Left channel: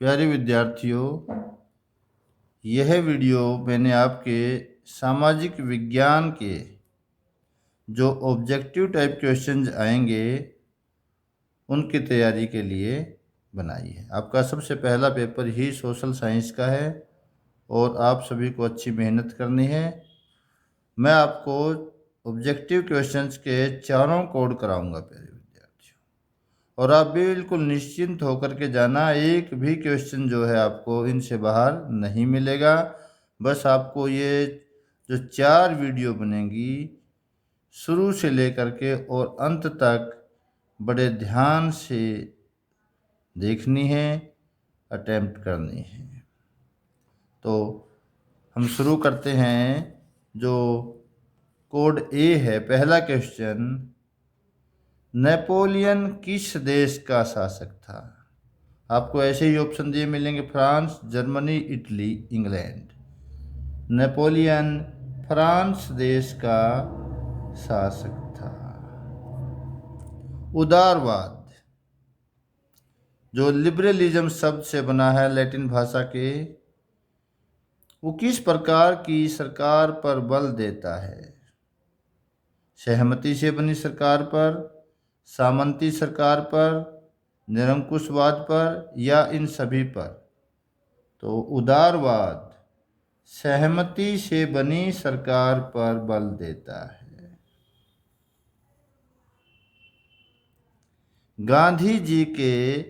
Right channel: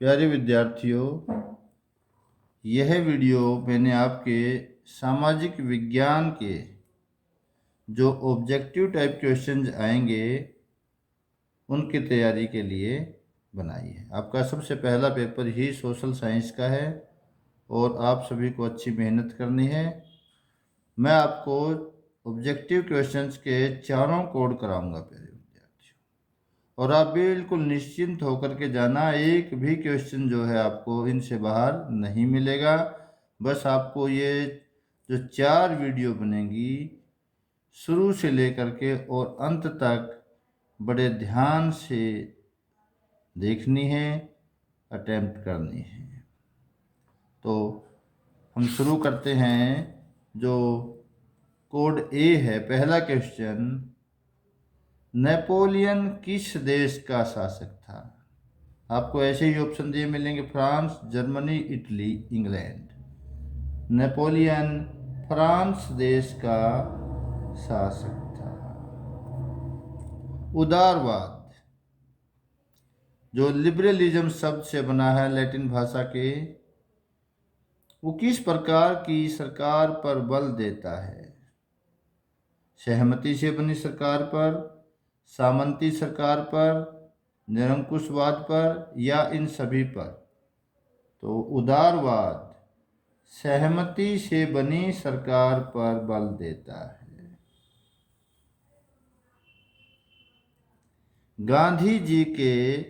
प्यारे विद्यार्थियों, यह वीडियो मैंने आपके सामाजिक विज्ञान के जो ऑब्जेक्टिव टाइप क्वेश्चंस आएंगे उनकी तैयारी के लिए बनाई है। आपका सबसे पहला पेपर ही सोशल साइंस का है और आप सभी को अच्छी मेहनत करनी है। मैं आपको ऑब्जेक्टिव क्वेश्चंस के चारों कोड कराऊंगा प्यारे विद्यार्थियों, और आप बिल्कुल निश्चिंत होकर के जाना, एक भी क्वेश्चन जो है आपको इनसे बाहर नहीं मिलेगा। बस आपको ये जो 4 वीडियो बनेंगी शुरू से लेकर के और अंत तक बड़े ध्यान से देखनी है, अटेम्प्ट करनी है। तो हम शुरू करते हैं। जो कोड ए है, पहला क्वेश्चन, नेपोलियन किस देश का शासक था? आपको ऐसे ही ऑप्शन दिए मिलेंगे: France, Germany, Italy, England. Napoleon France देश का शासक था। उदारवाद, जो लिबरलिज्म शब्द से बना है लैटिन भाषा के, वो किस प्रकार की सरकार पर बल देता है? सहमति से बनी सरकार पर, सामंती सरकार पर, निरंकुशवाद पर, या इन सभी पर? तो उदारवाद सहमति से बनी सरकार पर बल देता है। गांधी जी के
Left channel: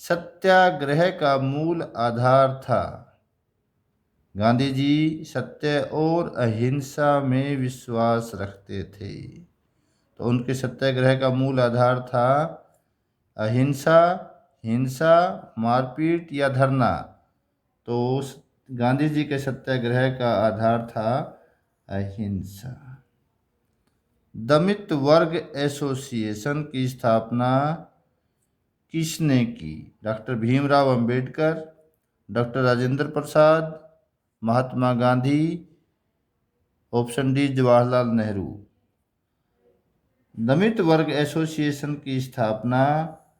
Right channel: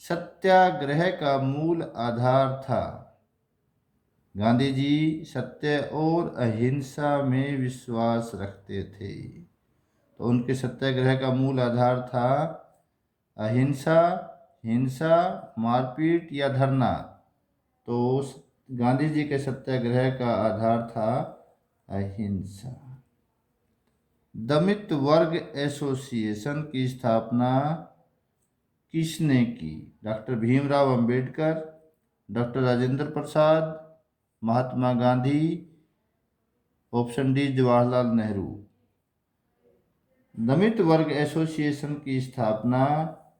सत्याग्रह का मूल आधार था? गांधी जी सत्य और अहिंसा में विश्वास रखते थे, तो उनके सत्याग्रह का मूल आधार था अहिंसा, हिंसा, मारपीट या धरना। तो गांधी जी के सत्याग्रह का आधार था अहिंसा। दलित वर्ग एसोसिएशन की स्थापना किसने की? Doctor Bhimrao Ambedkar, doctor Rajendra Prasad, Mahatma Gandhi, option D Jawaharlal Nehru. दलित वर्ग एसोसिएशन की स्थापना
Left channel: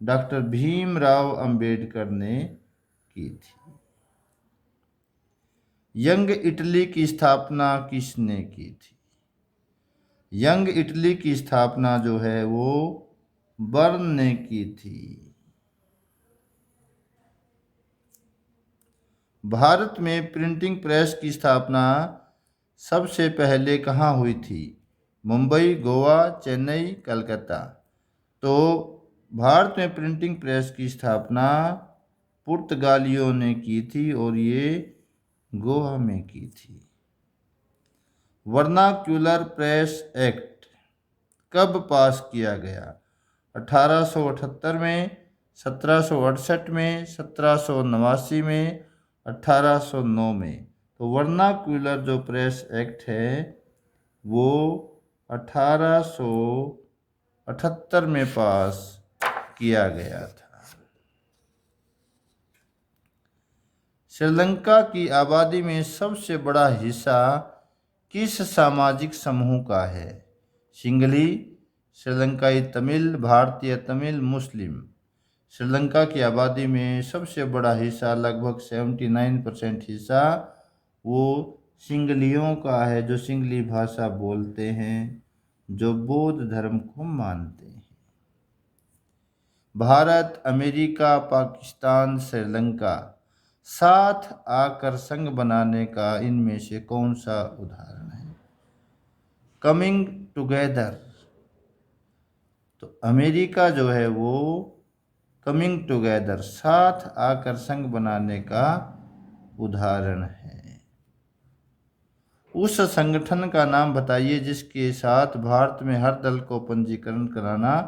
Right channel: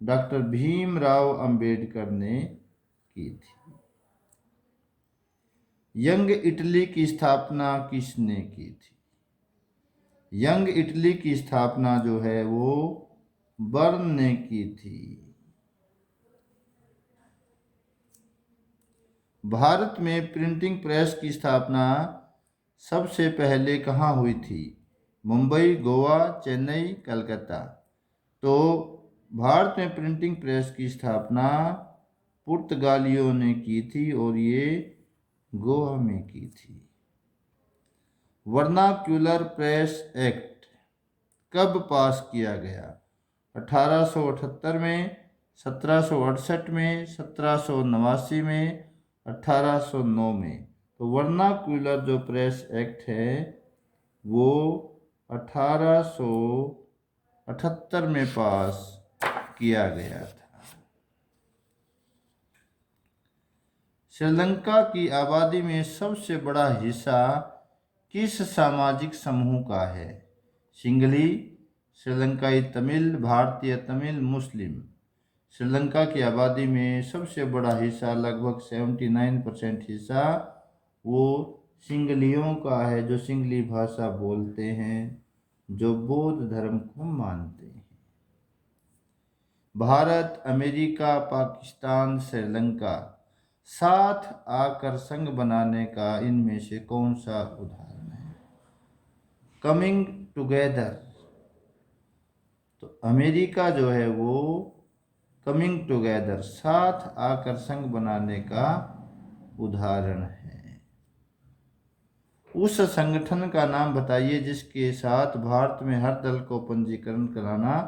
डॉक्टर भीमराव अंबेडकर ने की थी। यंग इटली की स्थापना किसने की थी? यंग इटली की स्थापना जो है वो बर्न ने की थी। भारत में प्रिंटिंग प्रेस की स्थापना सबसे पहले कहाँ हुई थी? मुंबई, गोवा, चेन्नई, कलकत्ता। तो भारत में प्रिंटिंग प्रेस की स्थापना पुर्तगालियों ने की थी और ये गोवा में की थी। वर्नाक्यूलर प्रेस एक्ट कब पास किया गया? 1878 में, 1768 में, 1789 में, 1809 में। तो वर्नाक्यूलर जो प्रेस एक्ट है वो 1878 में पास किया गया था। श्रीलंका की आबादी में सबसे बड़ा हिस्सा किस सामाजिक समूह का है? सिंघली, श्रीलंकाई तमिल, भारतीय तमिल, मुस्लिम। श्रीलंका की आबादी में सबसे बड़ा हिस्सा, लगभग 79% हिस्सा, वो सिंघलियों का है, जो सिंघली भाषा बोलते हैं, जो बौद्ध धर्म को मानते हैं। भारत, अमेरिका, पाकिस्तान, श्रीलंका साथ आकर संघ बनाने का इनमें से कौन सा उदाहरण है? Coming together. तो अमेरिका जो है वो कमिंग टुगेदर, साथ आकर संघ बनाने का उदाहरण है। उस संगठन का नाम बताइए जिसके साथ भारत में हर दल को पंजीकरण कराना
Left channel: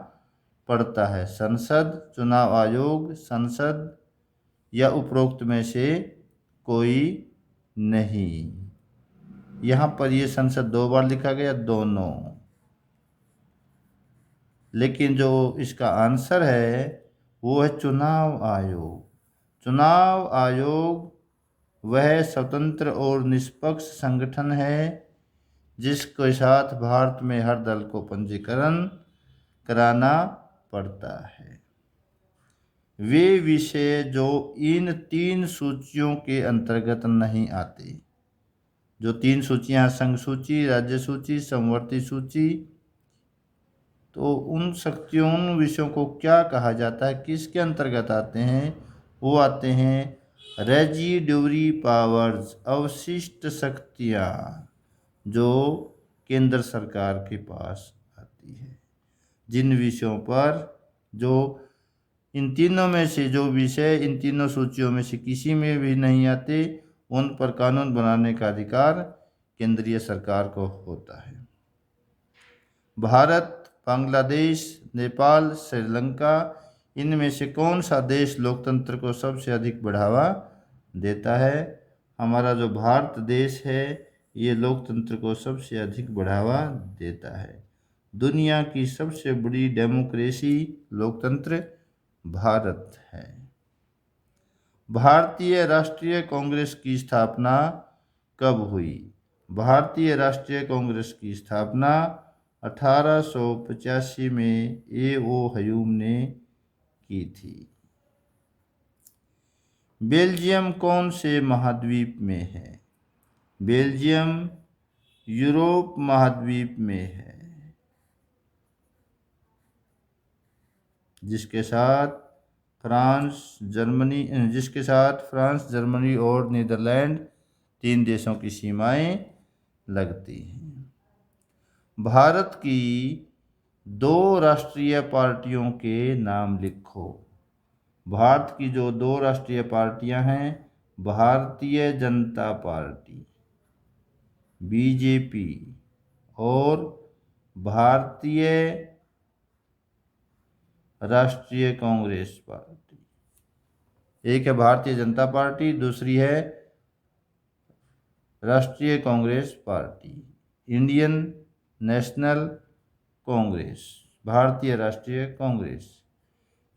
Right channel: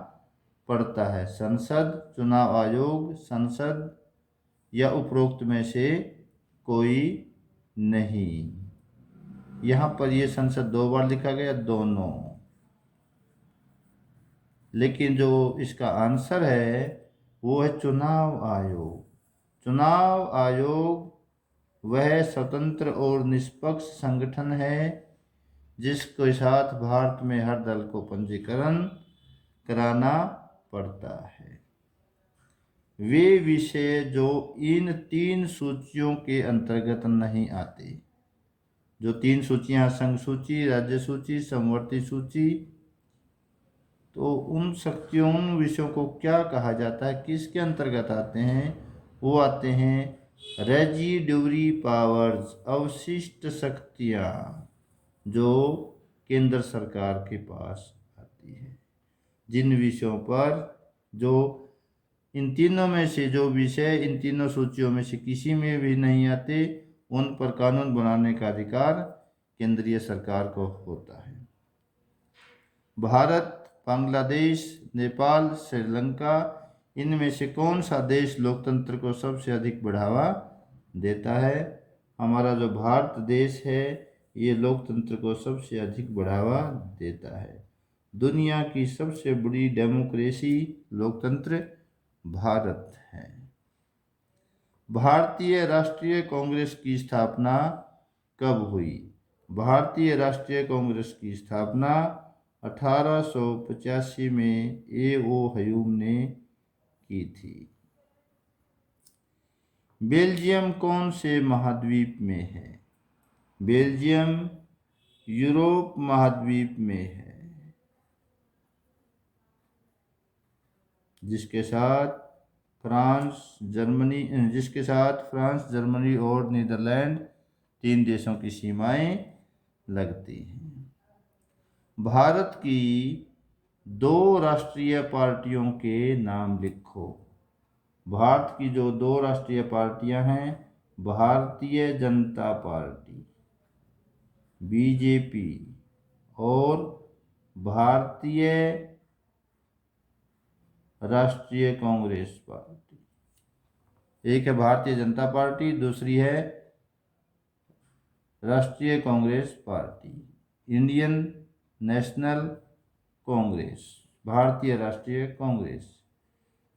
पड़ता है। संसद, चुनाव आयोग, संसद, या उपरोक्त में से कोई नहीं। यहाँ पर ये संसद 2 बार लिखा गया, दोनों। लेकिन जो इसका आंसर है वो है चुनाव आयोग। चुनाव आयोग वह स्वतंत्र और निष्पक्ष संगठन है जिसके साथ भारत में हर दल को पंजीकरण कराना पड़ता है। वे विषय जो इन 3 सूचियों के अंतर्गत नहीं आते। जो 3 सूचियां, संघ सूची, राज्य सूची, समवर्ती सूची, तो उन शक्तियों, उन विषयों को क्या कहा जाता है, किसके अंतर्गत आते हैं? वो आते हैं रेजिड्यूरी पावर्स, अवशिष्ट शक्तियाँ, जो केंद्र सरकार के पास आती है। जिन विषयों पर, जो इन तीनों में से जो विषय इन तीनों सूचियों में से किसी में भी नहीं आते, उन पर कानून बनाने का अधिकार केंद्रीय सरकार को होता है। भारत, बांग्लादेश, नेपाल, श्रीलंका, इनमें से कौन सा देश लोकतंत्र को सबसे अधिक बढ़ावा देता है? हमारा जो भारत देश है, ये लोकतंत्र को सबसे अधिक बढ़ावा देता है। दुनिया की सबसे बड़ी डेमोक्रेसी, लोकतंत्र भारत है। भारतीय राष्ट्रीय कांग्रेस की स्थापना कब हुई? भारतीय राष्ट्रीय कांग्रेस की स्थापना 1885 में A.O. ह्यूम ने की थी। बेल्जियम कौन से महाद्वीप में है? बेल्जियम यूरोप महाद्वीप में है, जिसके साथ फ्रांस, जर्मनी और नीदरलैंड 3 देशों की सीमाएं लगती हैं। भारत की 2 राष्ट्रीय पार्टियों के नाम लिखो। भारत की जो 2 राष्ट्रीय पार्टियां हैं, भारतीय जनता पार्टी बीजेपी और भारतीय राष्ट्रीय कांग्रेस पार्टी। एक है भारतीय जनता पार्टी, दूसरी है राष्ट्रीय Congress party, Indian national Congress, भारतीय राष्ट्रीय कांग्रेस।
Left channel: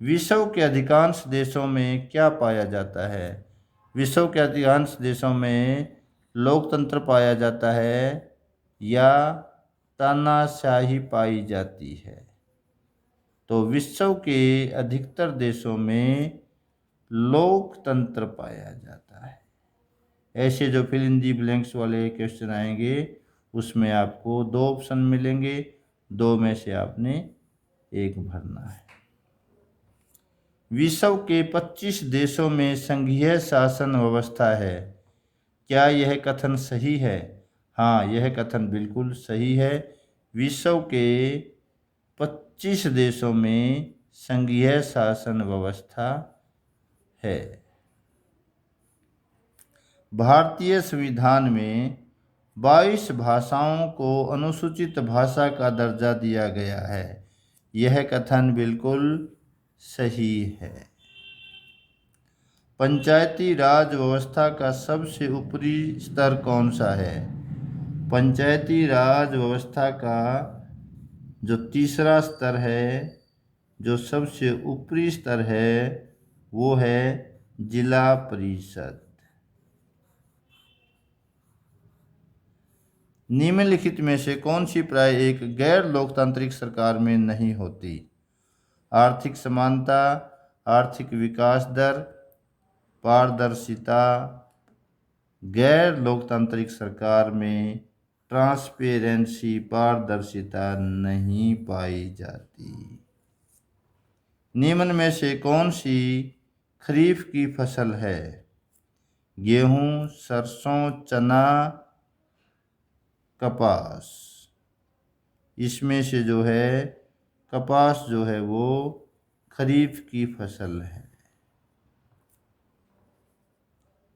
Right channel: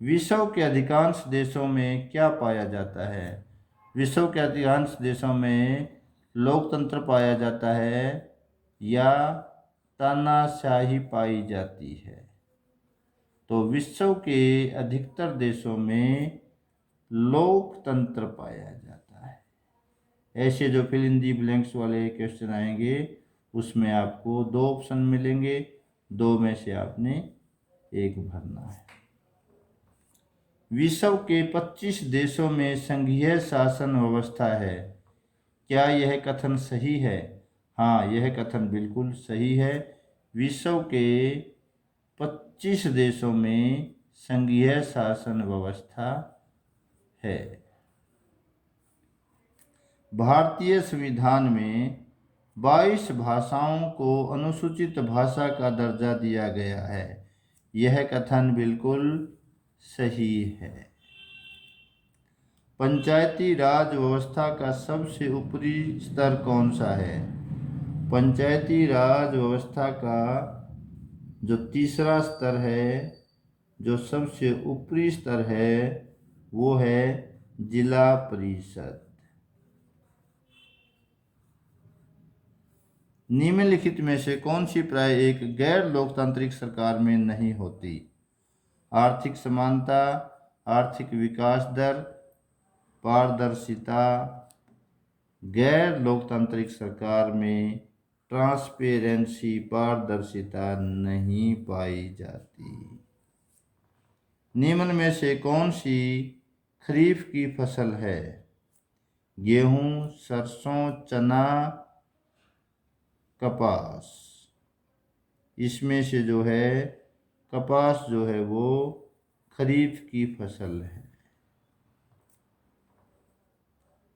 विश्व के अधिकांश देशों में क्या पाया जाता है? विश्व के अधिकांश देशों में लोकतंत्र पाया जाता है या तानाशाही पाई जाती है? तो विश्व के अधिकतर देशों में लोकतंत्र पाया जाता है। ऐसे जो फिल इन दी ब्लैंक्स वाले क्वेश्चन आएंगे, उसमें आपको 2 ऑप्शन मिलेंगे, 2 में से आपने एक भरना है। विश्व के 25 देशों में संघीय शासन व्यवस्था है। क्या यह कथन सही है? हाँ, यह कथन बिल्कुल सही है। विश्व के 25 देशों में संघीय शासन व्यवस्था है। भारतीय संविधान में 22 भाषाओं को अनुसूचित भाषा का दर्जा दिया गया है। यह कथन बिल्कुल सही है। पंचायती राज व्यवस्था का सबसे ऊपरी स्तर कौन सा है? पंचायती राज व्यवस्था का जो तीसरा स्तर है, जो सबसे ऊपरी स्तर है, वो है जिला परिषद। निम्नलिखित में से कौन सी प्राय एक गैर लोकतांत्रिक सरकार में नहीं होती? आर्थिक समानता, आर्थिक विकास दर, पारदर्शिता। गैर लोकतांत्रिक सरकार में ट्रांसपेरेंसी, पारदर्शिता नहीं पाई जाती। निम्न में से कौन सी खरीफ की फसल है? गेहूं, सरसों, चना, कपास। इसमें से जो है कपास जो है वो खरीफ की फसल है।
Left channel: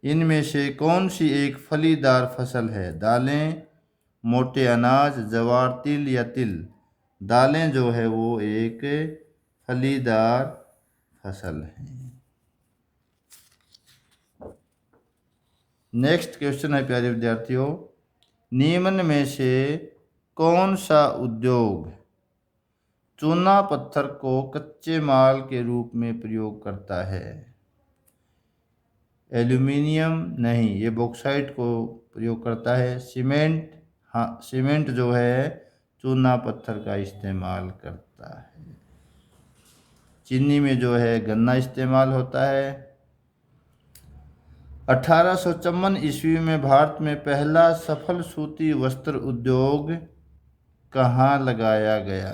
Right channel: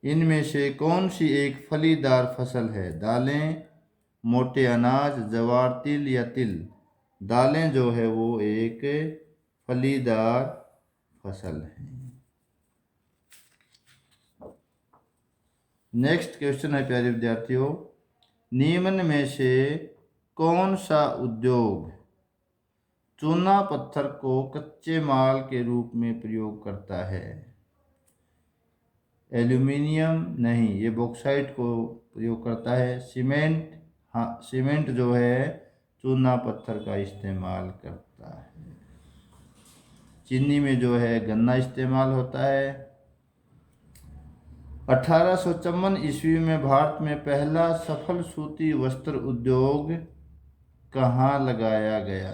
इनमें से कौन सी एक फलीदार फसल है? दालें, मोटे अनाज, ज्वार, तिल या तिल। दालें जो है वो एक फलीदार फसल है। नेक्स्ट क्वेश्चन है प्यारे विद्यार्थियों, निम्न में से कौन सा उद्योग चूना पत्थर को कच्चे माल के रूप में प्रयोग करता है? एल्यूमिनियम नहीं, ये बॉक्साइट को प्रयोग करता है। सीमेंट, हाँ, सीमेंट जो है चूना पत्थर का इस्तेमाल करता है। चीनी में जो है गन्ना इस्तेमाल होता है। 1854 ईस्वी में भारत में पहला सफल सूती वस्त्र उद्योग कहाँ लगाया गया?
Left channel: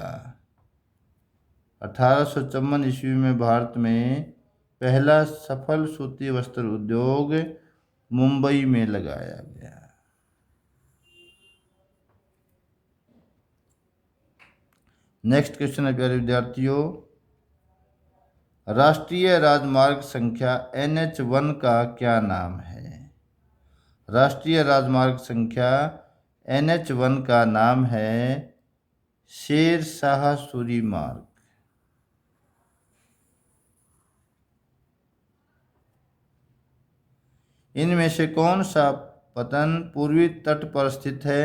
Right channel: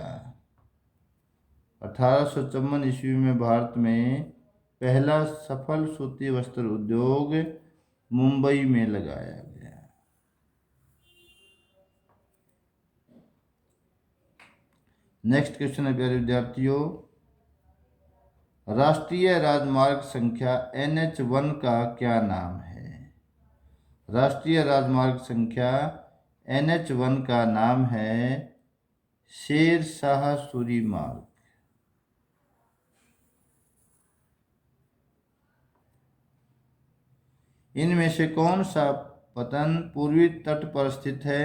1854 ईस्वी में भारत में पहला सफल सूती वस्त्र उद्योग मुंबई में लगाया गया। नेक्स्ट क्वेश्चन है प्यारे विद्यार्थियों, राष्ट्रीय राजमार्ग संख्या NH1 का क्या नाम है? राष्ट्रीय राजमार्ग संख्या NH1 का नाम है शेर शाह सूरी मार्ग। इनमें से कौन सा पतन पूर्वी तट पर स्थित है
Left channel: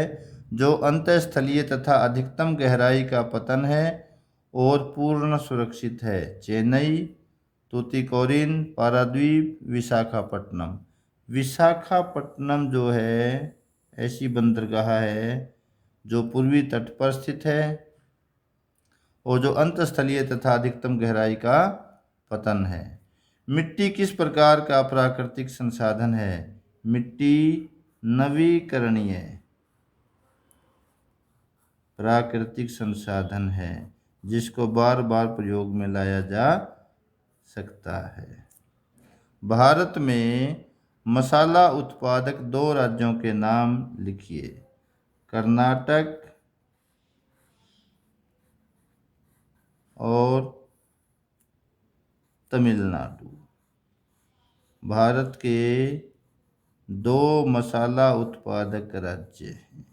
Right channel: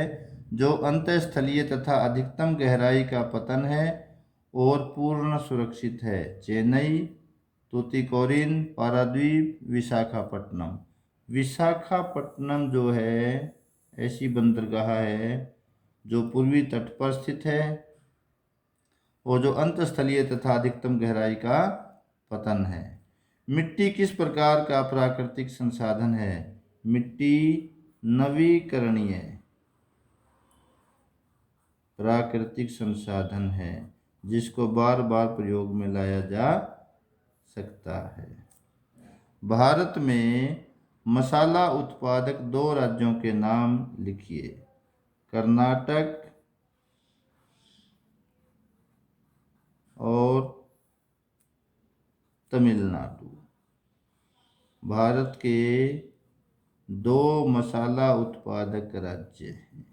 जो अंतःस्थलीय तथा अधिकतम गहराई का पतन है और पूर्ण सुरक्षित है? चेन्नई, तूतीकोरिन, पारादीप, विशाखापट्टनम। विशाखापट्टनम जो है ऐसी बंदरगाह है जो पूर्वी तट पर स्थित है और जो अंतःस्थलीय तथा अधिकतम गहराई का पतन है। मिट्टी किस प्रकार का प्राकृतिक संसाधन है? मिट्टी नवीकरणीय प्राकृतिक संसाधन है जिसको बार बार प्रयोग में लाया जा सकता है। भारत में मसाला उत्पादक 2 राज्यों के नाम लिखिए। कर्नाटक और तमिलनाडु। भारत के 2 मसाला उत्पादक राज्य हैं।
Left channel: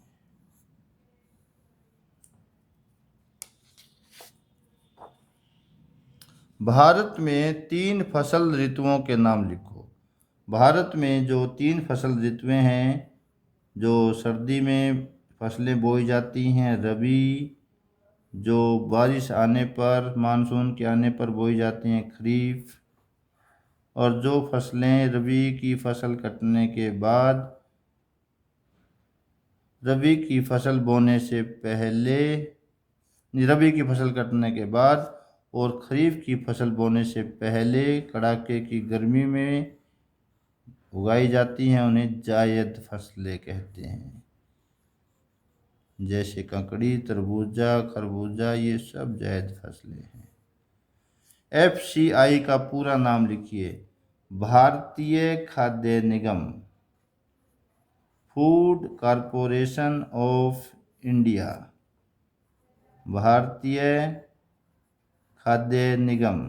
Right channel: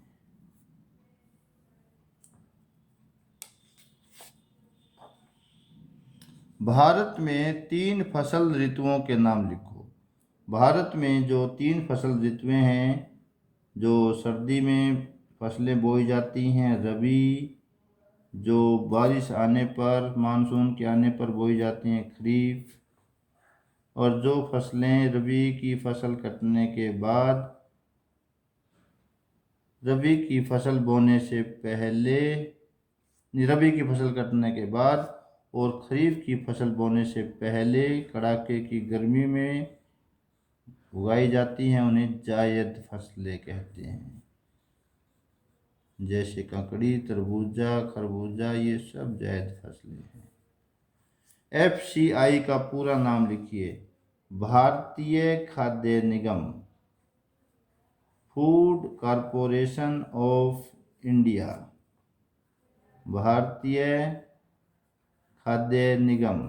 भारत में 3 फसल ऋतुओं के नाम लिखो। भारत में जो 3 फसल ऋतुएं हैं, जो सर्दी में फसलें बोई जाती हैं, रबी जो बारिश आने पर मानसून के आने पर बोई जाती हैं, खरीफ, और जो फसलें रबी की फसल कटने के बाद, रबी की फसल बोने से पहले, रबी की फसल कटने के बाद और खरीफ की फसल बोने से पहले कड़ाके की गर्मी में उगाई जाती हैं, उन्हें जायद फसलें कहते हैं। जैसे ककड़ी, तरबूजा, खरबूजा, ये सब जायद फसलें हैं। FCI का पूरा नाम लिखिए। भारतीय खाद्य निगम, फूड कॉरपोरेशन ऑफ इंडिया। भारतीय खाद्य निगम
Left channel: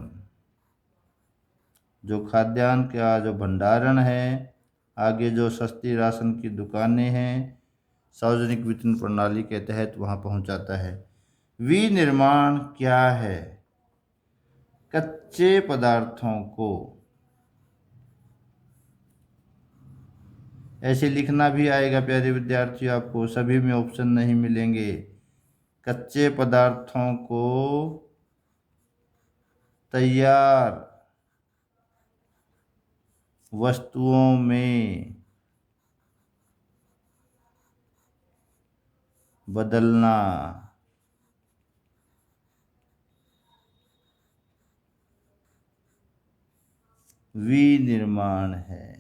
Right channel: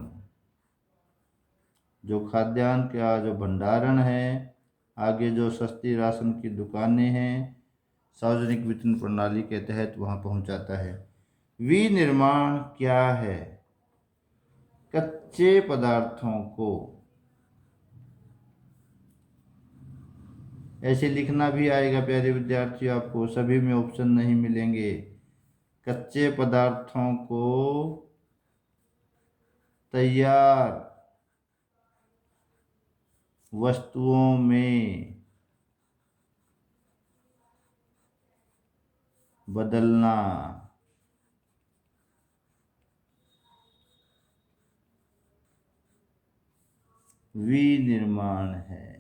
जो खाद्यान्न का जो भंडारण है, आगे जो सस्ती राशन की दुकानें हैं, सार्वजनिक वितरण प्रणाली के तहत वहाँ पहुँचाता है। विनिर्माण क्या है? कच्चे पदार्थों को, ऐसे लिखना भी आएगा प्यारे विद्यार्थियों, आपको सभी में ऑप्शन नहीं मिलेंगे। कच्चे पदार्थों को तैयार वस्तुओं में बदलना। विनिर्माण है।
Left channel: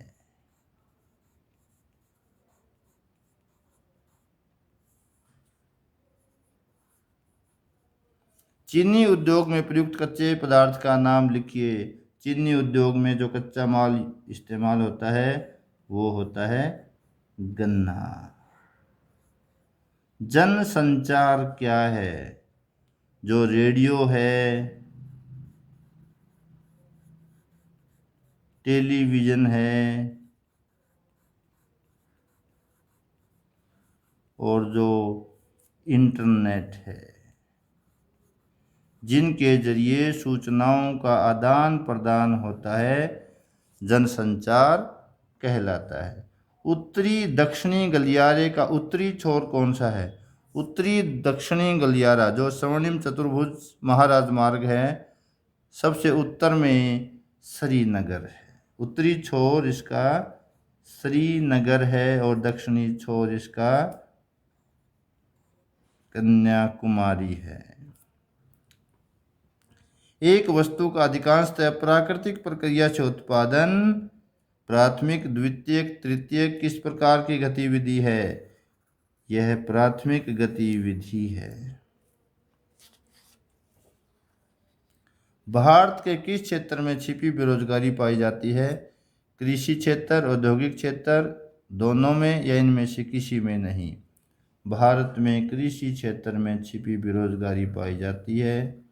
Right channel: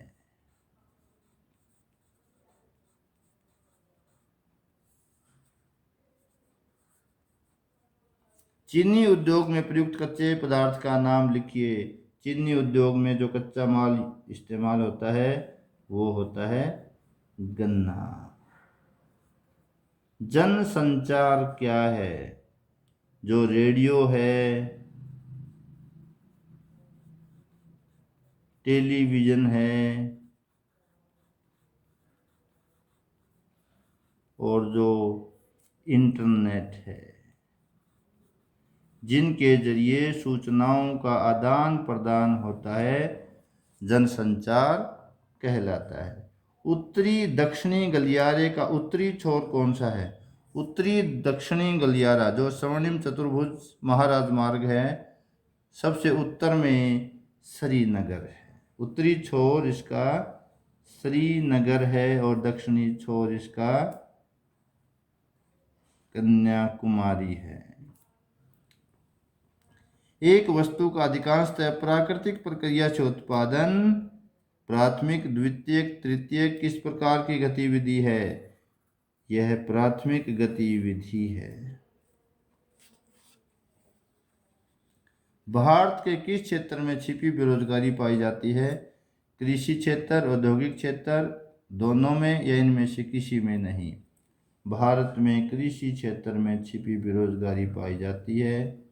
चीनी उद्योग में प्रयुक्त कच्चे पदार्थ का नाम लिखिए। चीनी उद्योग में जो कच्चा माल इस्तेमाल होता है वो होता है गन्ना। जनसंचार क्या है? जो रेडियो है, टेलीविज़न है और जो इंटरनेट है, जिनके जरिए सूचनाओं का आदान प्रदान होता है, जनसंचार कहलाता है। उत्तरी दक्षिणी गलियारे का उत्तरी छोर कौन सा है? उत्तरी दक्षिणी गलियारा जो स्वर्णिम चतुर्भुज महाराजमार्ग है, सबसे उत्तर में श्रीनगर है। उत्तरी छोर इसका श्रीनगर है और दक्षिणी छोर इसका कन्याकुमारी है। एक वस्तु का अधिकांशतः प्राकृतिक प्रक्रिया से उत्पादन प्राथमिक, द्वितीयक, तृतीयक किस प्रकार की गतिविधि है? यह प्राथमिक गतिविधि है। भारत के किस क्षेत्र में छिपी बेरोजगारी पाई जाती है? कृषि क्षेत्र, औद्योगिक क्षेत्र, दोनों में या इनमें से किसी में नहीं? भारत में कृषि क्षेत्र में छिपी बेरोजगारी पाई जाती है।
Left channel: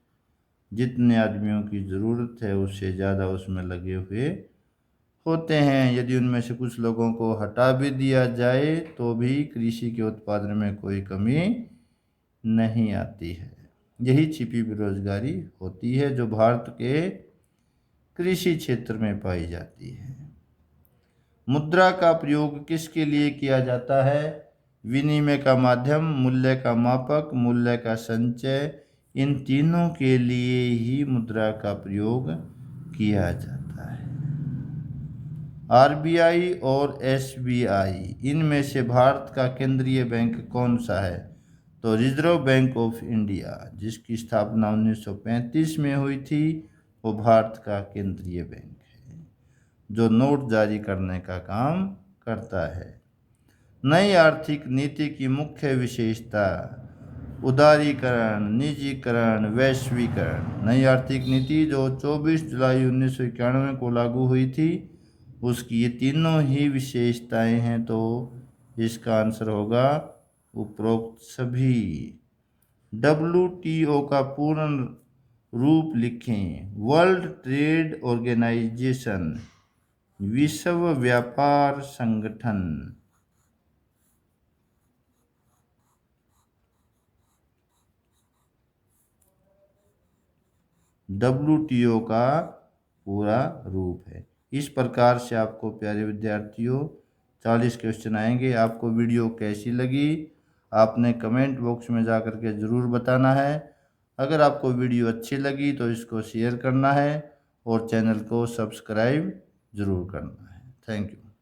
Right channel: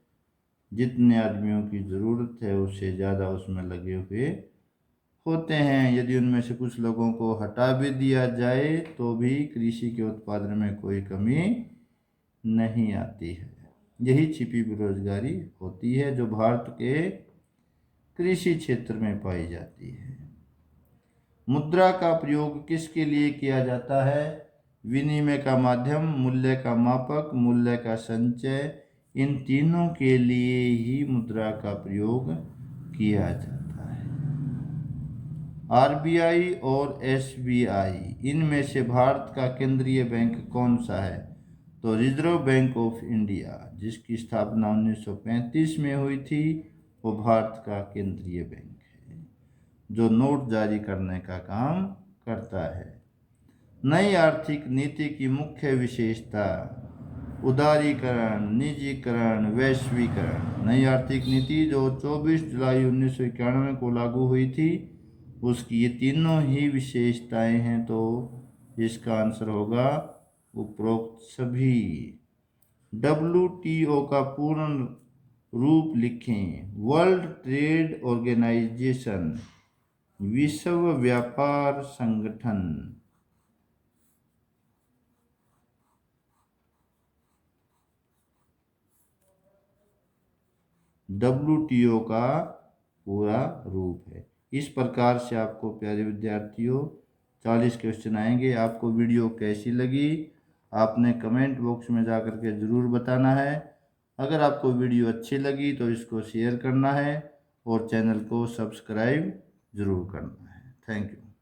जितने आदमियों की ज़रूरत है उससे ज़्यादा उसमें लगे हुए होते हैं। यदि उनमें से कुछ लोगों को हटा भी दिया जाए तो भी कृषि के उत्पादन में कोई कमी नहीं आती है। यही छिपी बेरोजगारी होती है जो भारत के कृषि क्षेत्र में पाई जाती है। मुद्रा का प्रयोग किसके लिए किया जाता है? विनिमय का माध्यम, मूल्य का मापक, मूल्य का संचय, इन तीनों के लिए ही मुद्रा का प्रयोग किया जाता है। आरबीआई और एसबीआई, इनमें से भारत का केंद्रीय बैंक कौन सा है? तो रिजर्व बैंक ऑफ इंडिया, जिसकी स्थापना 1935 में हुई थी, वो भारत का केंद्रीय बैंक है जो नोट जारी करने का काम करता है। नई आर्थिक नीति की मुख्य विशेषता: उदारीकरण, निजीकरण, वैश्वीकरण। नई आर्थिक नीति जो 24 जुलाई 1991 को लागू हुई थी, उसकी ये तीनों ही विशेषताएं हैं। तो इसका आंसर होगा उपरोक्त सभी। WTO का पूर्ण रूप लिखें। वर्ल्ड ट्रेड ऑर्गेनाइजेशन, विश्व व्यापार संगठन। WTO का पूरा रूप है। इस प्रकार से आपको प्यारे विद्यार्थियों 40 क्वेश्चन आएंगे। आपको वीडियो कैसी लगी आपने कमेंट बॉक्स में जा कर के ज़रूर बताना है। अगर आपको वीडियो अच्छी लगी तो इसको शेयर करना है और चैनल को सब्सक्राइब ज़रूर करना है। Thank you.